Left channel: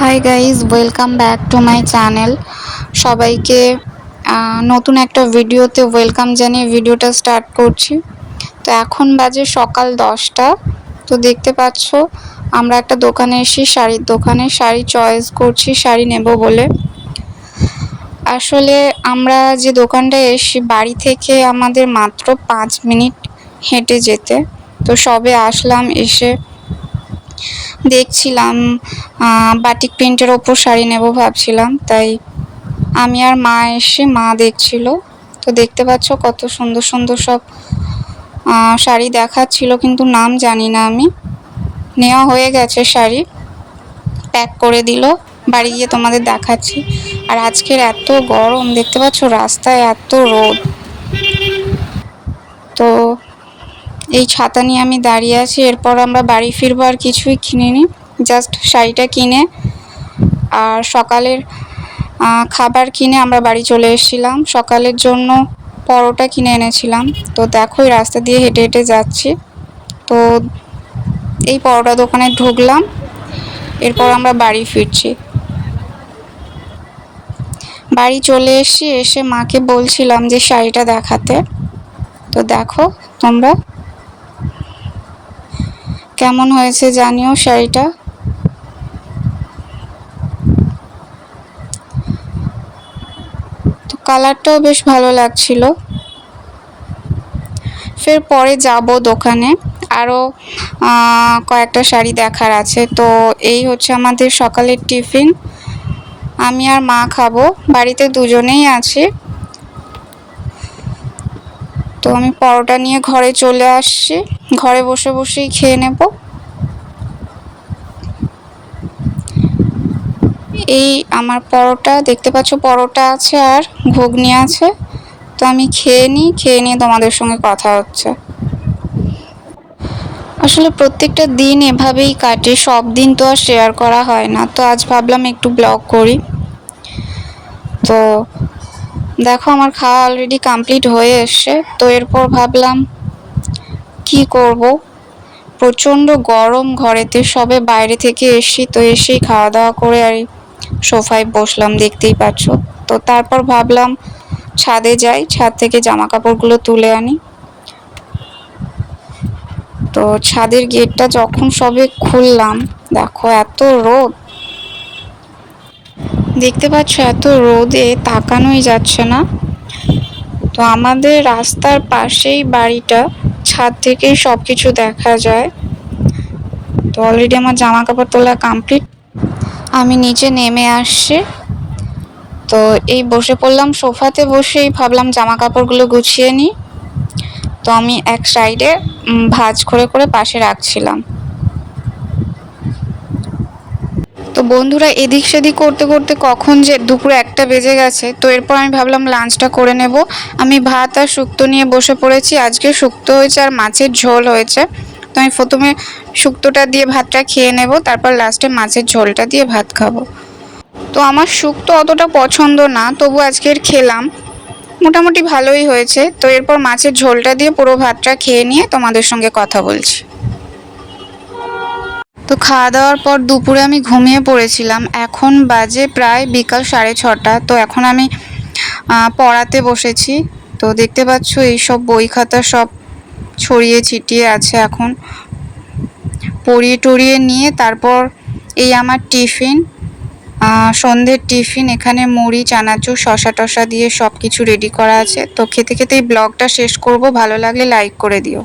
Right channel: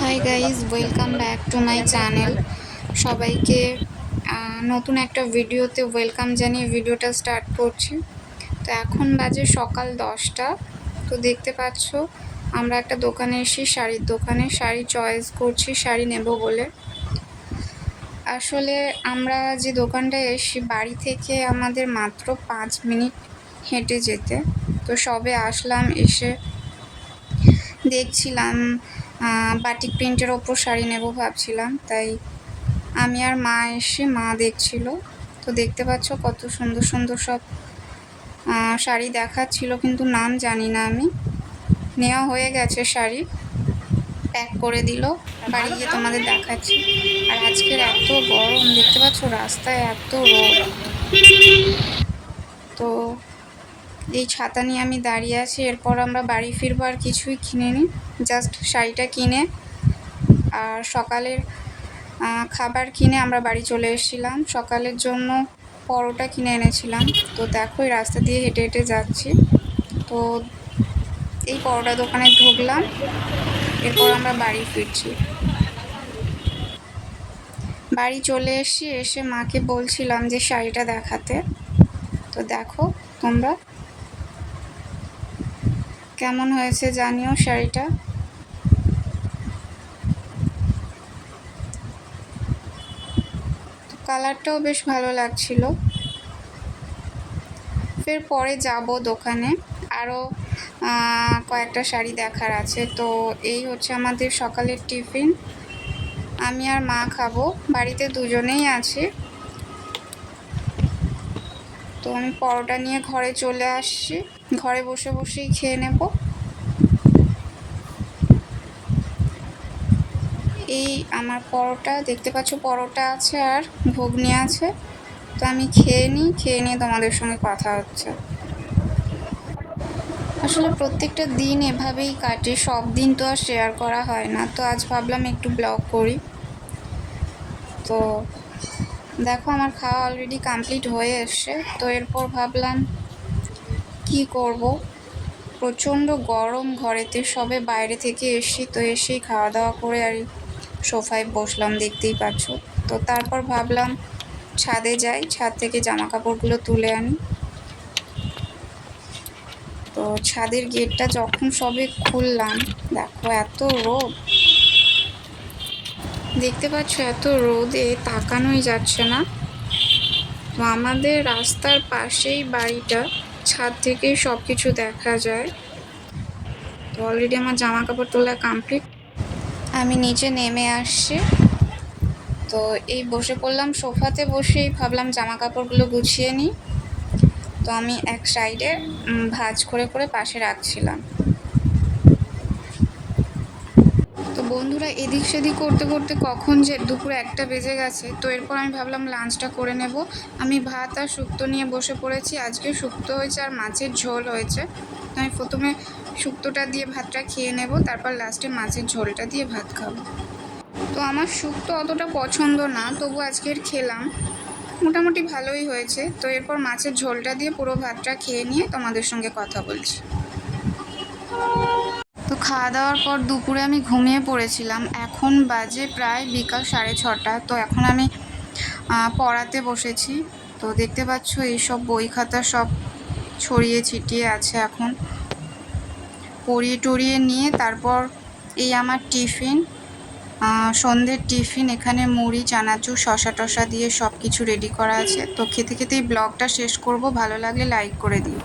Hi guys, welcome back to my channel. সবাইকে নতুন একটা ভিডিওতে ওয়েলকাম জানিয়ে ভিডিওটা স্টার্ট করছি। তো এখন বাজে সকাল 10টা। তো দেখতে পাচ্ছ আমরা একটা দোকানে এসেছি, শাড়ির দোকানে শাড়ি চয়েস করছি, শাড়ি নেব বলে। আসলে আমরা যে দোকানটায় এসেছি বাড়ি থেকে আমাদের মাত্র 5 মিনিট হেঁটে যেতে। তো সবে আসলাম, এসে দেখছিলাম বাটিক প্রিন্টের ওপর শাড়ি নেব ভাবছিলাম, তাই আমি আর মা এসে মা দেখছিল। তো দেখতে পাচ্ছ কত সুন্দর সুন্দর সব শাড়ি দেখাচ্ছিল, কিন্তু নাম জানি না আমি। নেওয়া হয়ে গেছে, শাড়ি প্যাক করে দিল, বাড়ি গিয়ে তোমাদের দেখাচ্ছি। আর আজকের এত গরম, দেখতে পাচ্ছ রাস্তায় এত রোদ। তো এই ছাতা নিয়ে আমি দাঁড়িয়ে আছি। এরপর আমরা বাড়ি ফিরবো, আর কিছুই কিনিনি, জাস্ট শাড়িটা কিনে আর সকালের খাবার কিনে আমরা বাড়ি চলে এসেছিলাম। সকালের জন্য পরোটা কিনে এনেছিলাম। তো দেখো এই রাস্তা দিয়ে হেঁটে হেঁটে যাচ্ছি, তো এই পরোটা দোকানে ঢুকলাম, এরপর আমরা বাড়ি ফিরছি। বাড়ি চলে এসে মাকে বলছিলাম যে শাড়িটা দেখাতে। তো দেখো তোমরা, কেমন হয়েছে জানিও শাড়িটা। তো কালারটাও বেশ ভালো লাগছিল। ফের পরে যাব দোকানে, আরও কয়েকটা শাড়ি দেখার আছে। তো এই হচ্ছে আমাদের সকালের টিফিন। আমি আর মা খাবো, বাড়িতে দুজনেই আছি। তো আমি পরোটা নিয়ে ঘরে চলে আসছি, ঘরে বসে বসেই খেয়ে নেব। এই আমার পরোটা, দেখতে পাচ্ছ পরোটা আছে আর ঘুগনি আছে। তো আমি খেয়ে নিয়ে তোমাদের সঙ্গে কথা হচ্ছে। আসলে প্রত্যেকটা দিন এভাবেই কাটে, সব দিন তো আর শেয়ার করা হয় না। তো আজ ভাবলাম একটু ব্লগ করি। তো দেখো আমার খাওয়া অলরেডি কমপ্লিট হয়ে এসছে। তো এরপর ভাবলাম কি করব, প্রচণ্ড গরম ঘরেতে, সবে বাইরে থেকে এসি। তো এসেই খাওয়া দাওয়া করে আর সোফায় বসলাম, দেখতেই পাচ্ছ। তো তারপর ভাবলাম ছাদে যাই, ছাদ থেকে জামা কাপড়গুলো তুলে আনি। তো ছাদের গেটটা যখন সবে খুললাম, দেখো এত রোদ, দেখতে পাচ্ছ এত রোদে তাকানোই যাচ্ছে না। তো আমাদের রাস্তার পাশেই বাড়িটা, ছাদ থেকেই সব কিছু দেখা যায়। তো অলরেডি আমার জামা কাপড় তোলা কমপ্লিট, আমি নিচে নেমে আসছি। তো এই বসে পড়লাম সোফাতে, বসেই ভাবলাম জামা কাপড়গুলো গুছিয়ে নিই। তো আমি এক সাইডে ভাঁজ করে করে পাশে রাখছিলাম। তো বন্ধুরা এদিক সেদিক করতে করতে কখন যে দুপুর 1টা বেজে গেছে। তো এরপর আমি ভাবলাম লাঞ্চটা করে নেব। আমি ভাত আর শুক্তো নিয়ে বসে পড়েছি। আজকে শুক্তো হয়েছে আর মাছের ঝোল হয়েছে। তো আমি প্রথমে শুক্তোটা দিয়ে ভাতটা খেয়ে নেব, তারপর লাস্টে মাছের ঝোলটা দিয়ে ভাত খাবো। তো আমার শুক্তো অতটা পছন্দ না, তবু আজকের খেলাম, মোটামুটি ভালোই হয়েছে। তো এরপর মাছের ঝোলটা দিয়ে পুরো ভাতটা খেয়ে নিয়ে তোমাদের সঙ্গে কথা বলছি। তো খাওয়া দাওয়ার পর দুপুরে আমি ঘুমিয়ে পড়েছিলাম। এখন বাজে প্রায় বিকাল 6:30। তো এখন আমি পড়াতে বসেছি। তো দেখতে পাচ্ছ এইসব বই খাতা সব ছড়িয়ে ছিটিয়ে আছে। এখন পড়িয়ে টড়িয়ে নিয়ে তারপর এই আমার টিফিন, সন্ধ্যের টিফিন, এখানে মুড়ি, চানাচুর, শসা টসা দিয়ে সব কিছু রেডি করা আছে। তো খেতে খেতে এই ব্লগটা শেষ করব। ভালো লাগলে লাইক করে দিও।